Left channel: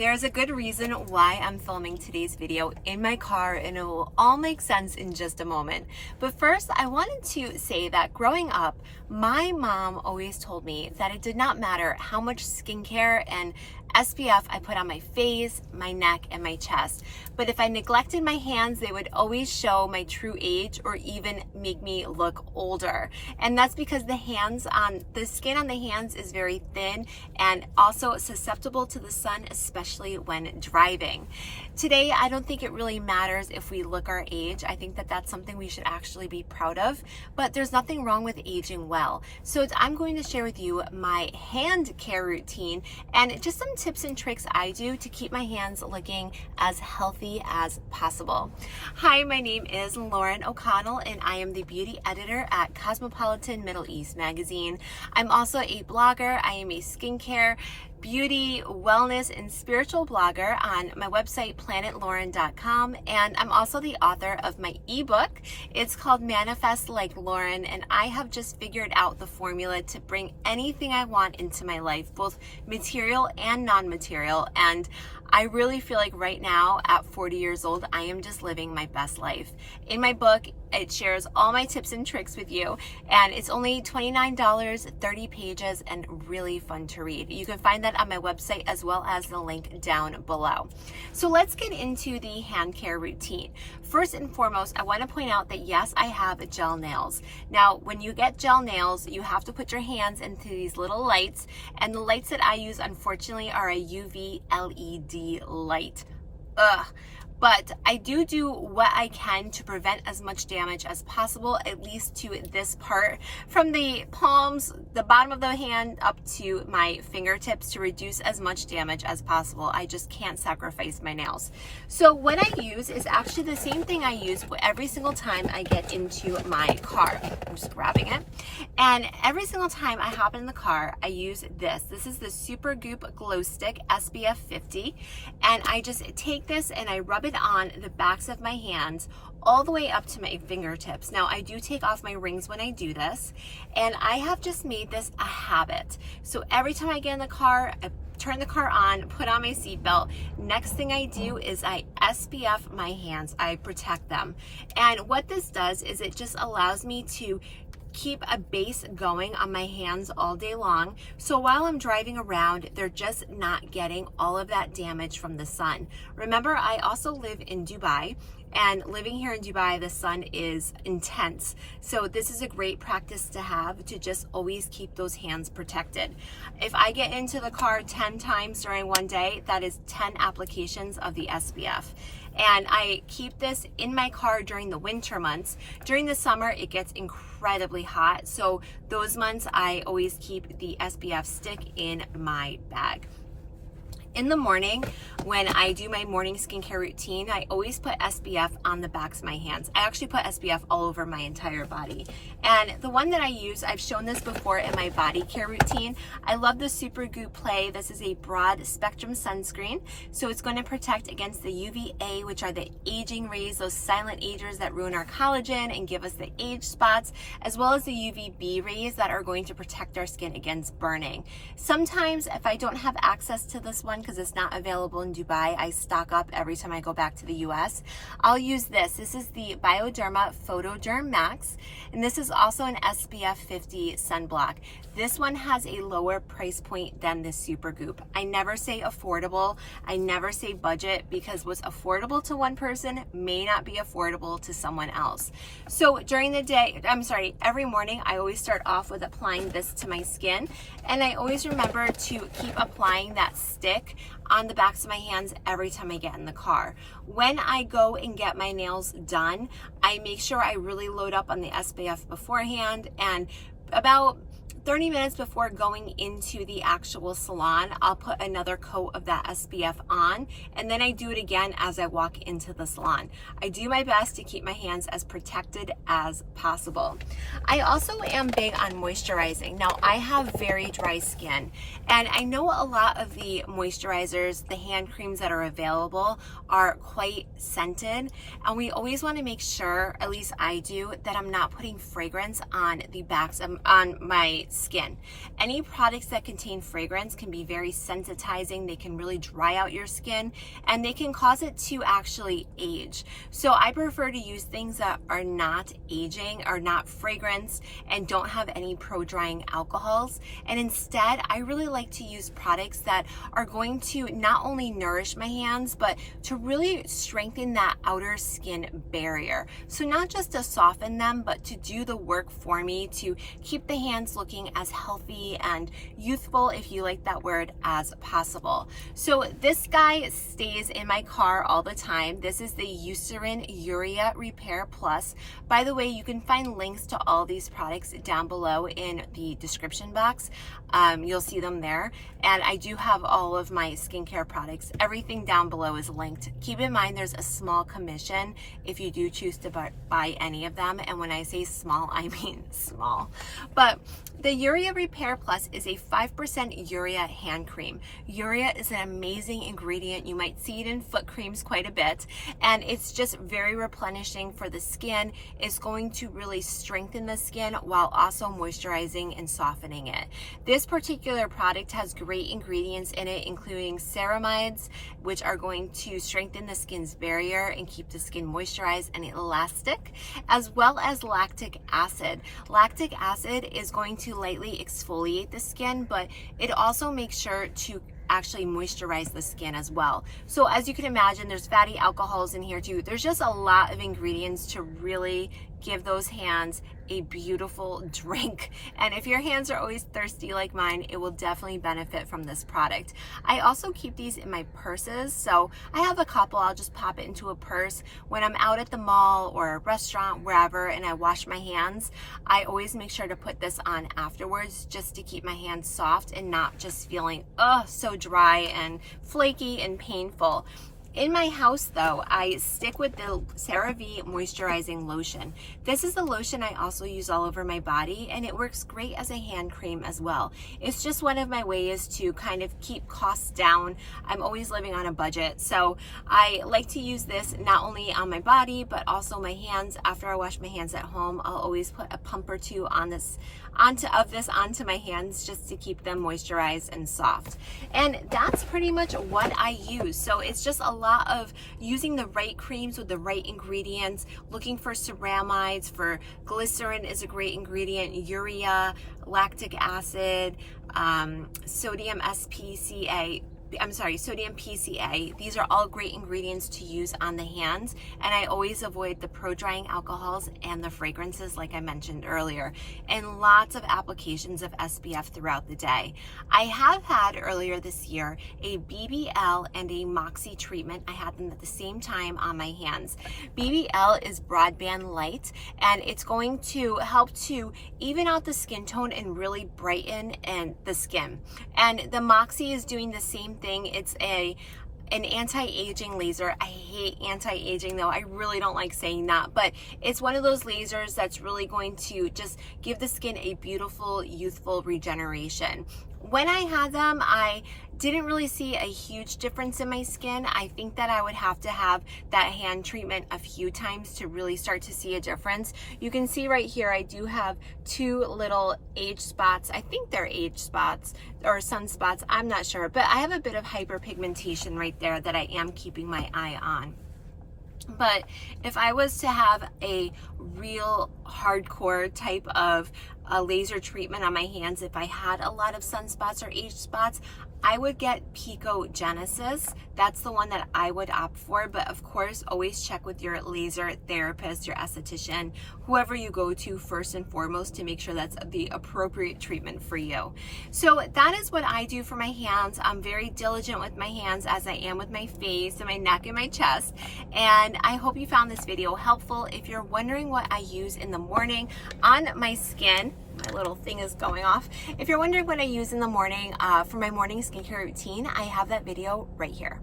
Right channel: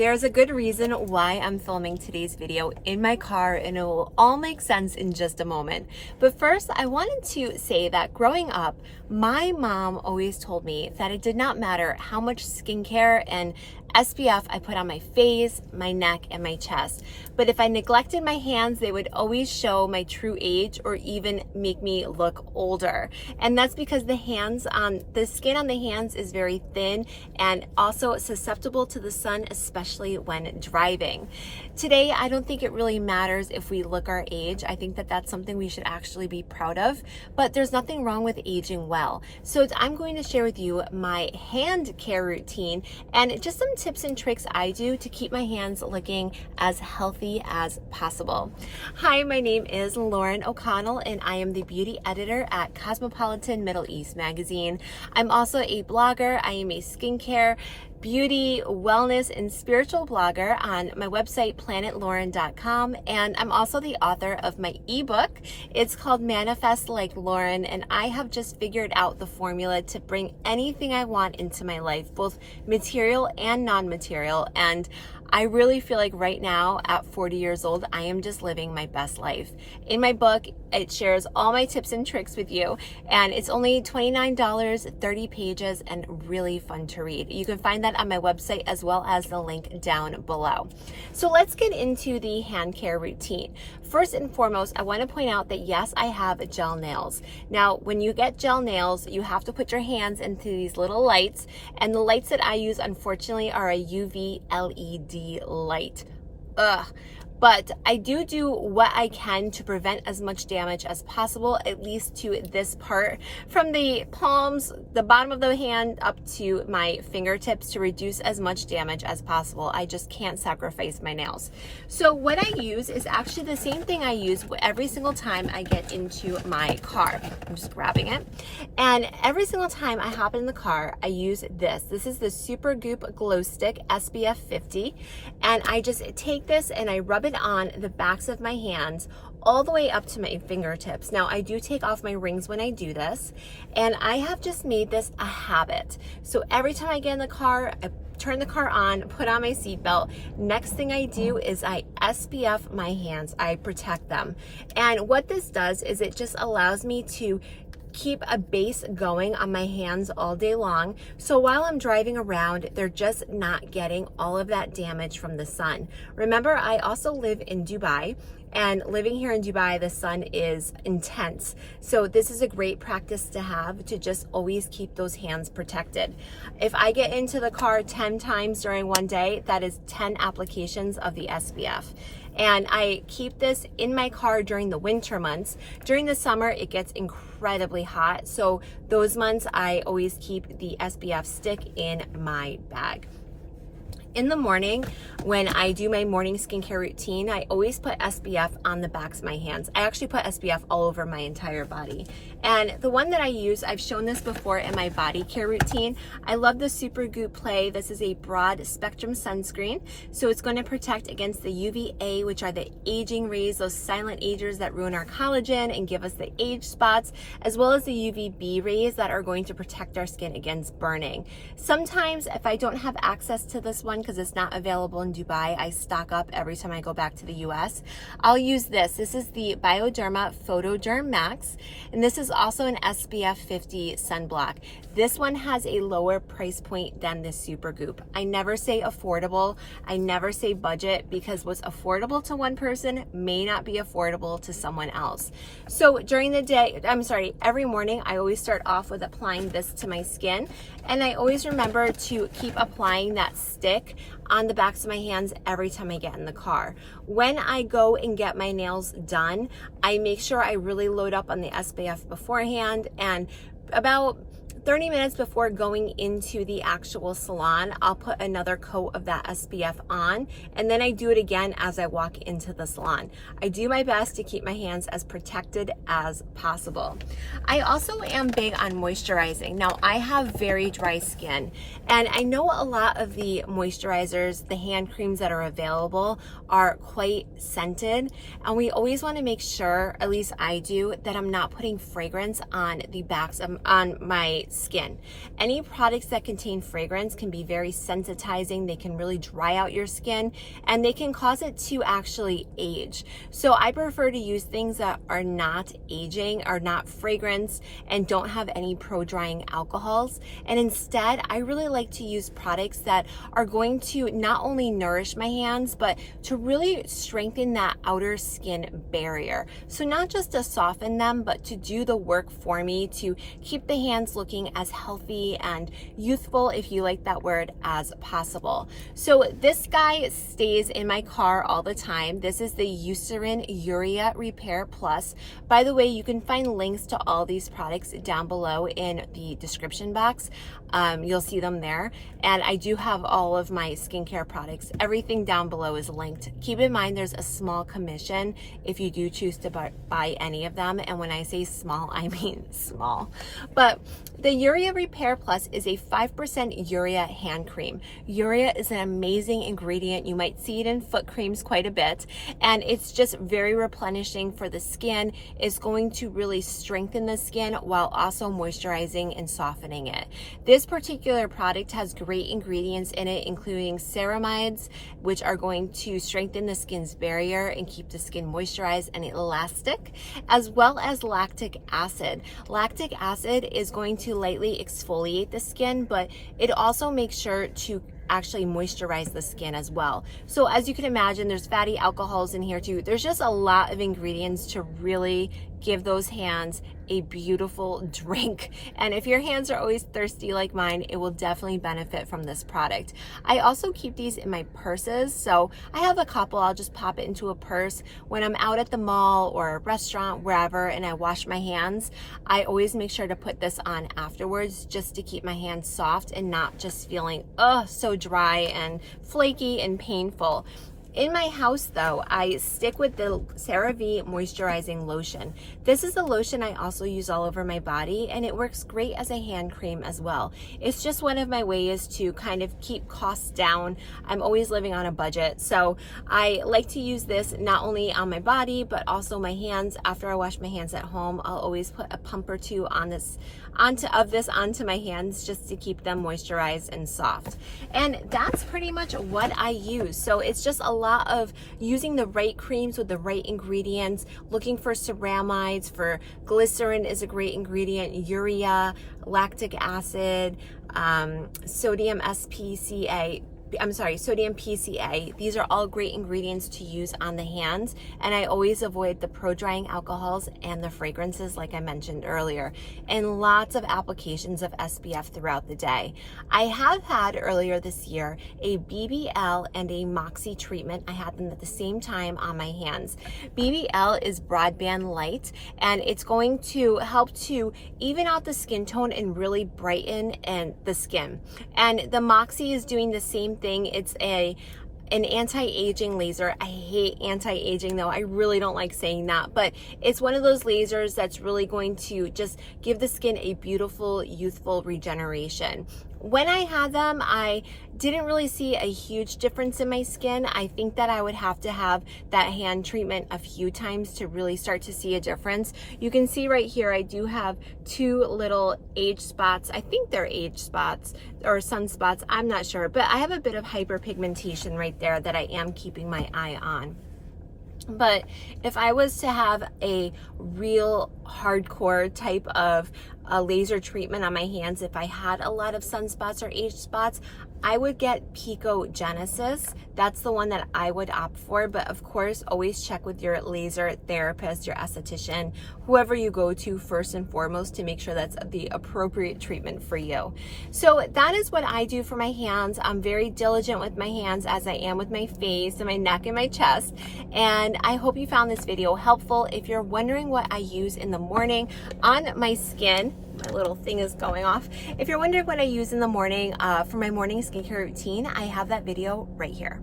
There's a good reason why I'm filming today's video in my car, and it will all make sense in just a moment. But first, I wanted to say that growing up, my mom always told me that it did not matter how much skincare and SPF I put on my face, my neck, and my chest. But if I neglected my hands, they would always show my true age or even make me look older. And that's because the skin on the hands is very thin and also susceptible to the sun, especially when driving. Today, I don't think it really matters if we look our age. I think that that's something we should actually be proud of, but there's nothing wrong with aging well. So I'm going to share with you my hand care routine and just some tips and tricks I do to keep my hands looking as healthy as possible. Hi, my name is Lauren O'Connell and I am the beauty editor at Cosmopolitan Middle East magazine. I'm also a blogger. I am a skincare, beauty, wellness, and spiritual blogger on my website, planetlauren.com. And I'm also the author of my ebook. It's called Manifest Like Lauren, and I have just figured out the formula to bring anything I want into my life, both material and non-material. And I really feel like right now at 40 years old, I am just living my best life. In my book, it shares all my tips and tricks with you, and it's only $29, 30 pages, and really fun to read. You can find that on my website as well as the link down below. So let's get into the hand care routine. First and foremost, I want to point out that yes, I have gel nails. Now, when you get gel nails, you have to put your hands into these little lights, and the lights that I use, unfortunately, are a UV LED light. But I do what I can to prevent as much damage as possible, at least to this part, from the palms, the bottom of the hand up to my fingertips, to reduce as much damage as possible. I just can't sacrifice my nails. So what I use is actually the same thing I use every single time I get into my car. I'm just grabbing it. And every single time I hop in the car, I use this. This is the Supergoop Glow Stick SPF 50. And I just take this and I rub it on the backs of my hands all the way up to my fingertips. Now, I do take off my rings when I do this, and I have just made this a habit. So every time I get in the car, I turn the car on, put on my seatbelt. Next thing I do is I SPF my hands. I protect them. And what this does is it just allows me to keep a base going on my hands all day long. So while I'm driving around, they're just not getting all of that damage from the sun. Remember, I also live in Dubai, and living here in Dubai, the sun is intense. So this is a great practice to have, to just always keep those hands protected. If I get into the car 10 times during one day, that is 10 applications of the SPF. And I keep this in my car during the winter months. During the summer, it gets incredibly hot. So those months, I always keep the SPF stick in my bag. In the morning, when I do my morning skincare routine, I always put SPF on the backs of my hands. I actually put SPF all over my entire body. And the one that I use, I've shown this before in my body care routine. I love the Supergoop Play. This is a broad spectrum sunscreen. So it's going to protect against the UVA, which are the aging rays, those silent agers that ruin our collagen and give us the age spots, as well as the UVB rays that are going to protect our skin against burning. Sometimes if I don't have access to this one, because it's not available in Dubai, I stock up every time I go back to the US. I'll use this. This is the Bioderma Photoderm Max, and this is also an SPF 50 sunblock. This one has a lower price point than the Supergoop. I never say affordable. I never say budget, because what's affordable to one person may not be affordable to someone else. So during the day, every morning, I always start off with applying this to my skin. And I always remember to keep applying that stick on the backs of my hands every time I get in the car. When I go and get my nails done, I make sure I really load up on the SPF beforehand, and about 30 minutes before going into the actual salon, I'll put another coat of that SPF on, and then I do it again as I walk into the salon. I do my best to keep my hands as protected as possible. I also am big on moisturizing. Now, I have very dry skin, And I know a lot of the moisturizers, the hand creams that are available are quite scented. And we always want to make sure, at least I do, that I'm not putting fragrance on the backs of on my skin. Any products that contain fragrance can be very sensitizing. They can really dry out your skin and they can cause it to actually age. So I prefer to use things that are not aging, are not fragrance, and don't have any pro-drying alcohols. And instead, I really like to use products that are going to not only nourish my hands, but to really strengthen that outer skin barrier. So not just to soften them, but to do the work for me to keep the hands looking as healthy and youthful, if you like that word, as possible. So this guy stays in my car all the time. This is the Eucerin Urearepair Plus. By the way, you can find links to all these products down below in the description box. You'll see them there. And I do have all of my skincare products. Everything down below is linked. Keep in mind there's a small commission if you do choose to buy any of them. And when I say small, I mean small. But the Urearepair Plus is a 5% urea hand cream. Urea is an amazing ingredient. You might see it in foot creams quite a bit. And it's just very replenishing for the skin. It's going to really strengthen the skin while also moisturizing and softening it. This particular product has great ingredients in it, including ceramides, which are going to strengthen the skin's barrier and keep the skin moisturized and elastic, as well as lactic acid. Lactic acid is going to lightly exfoliate the skin, but it also makes sure to actually moisturize the skin as well. So as you can imagine, there's fatty alcohols in here too. There's just a lot of ingredients to really give those hands a beautiful drink. And if your hands are always thirsty like mine, it will definitely benefit from this product. I also keep these in my purses. So I have a couple, I'll just pop it into a purse. When I'm out at the mall or a restaurant, wherever, and I wash my hands, I always make sure to put this on afterwards just to keep my hands soft and not just feeling, so dry and flaky and painful. In my house though, I stick with the Cerave moisturizing lotion. This is the lotion I also use all over my body, and it works great as a hand cream as well. It's just one of my ways to kind of keep costs down. I'm always living on a budget, so I like to use this not only on my body, but also my hands. After I wash my hands at home, I'll always put a pump or two on this onto my hands just to keep them moisturized and soft. And that's pretty much what I use. So it's just a lot of using the right creams with the right ingredients, looking for ceramides, for glycerin is a great ingredient, urea, lactic acid, sodium PCA. These are all great ingredients to use on the hands, and I always avoid the pro-drying alcohols and the fragrances like I mentioned earlier, and lots of applications of SPF throughout the day. I have had earlier this year a BBL and a Moxie treatment. I had them at the same time on my hands. BBL is broadband light, and it's going to help to even out the skin tone and really brighten the skin. And the Moxie is doing the same thing. It's an anti-aging laser. I hate anti-aging though. I really don't like saying that, but it's one of those lasers that's really going to just give the skin a beautiful, youthful regeneration. When I had them, I didn't really see a huge difference in my skin. I think that I would have to have that hand treatment a few times to really start to see a difference. You can see right here, I do have two little age spots. I think they're age spots or sunspots, I'm not sure, but I have a bit of hyperpigmentation right there that I am keeping my eye on. But if I was to have a real hardcore type of a laser treatment on my hands, if I had a lot of sunspots or age spots, I would get Pico Genesis. That's the one that I would opt for, but of course, always check with your laser therapist, your esthetician, whoever you go to first and foremost to make sure that's the appropriate treatment for you. So that is what I do for my hands. I'm very diligent with my hands as I am with my face and my neck and my chest. And I hope you found this video helpful. If you're wondering what I use in the morning on my skin, my little thing is going off. If you're wondering what I use in the morning for my morning skincare routine, I have that video right here.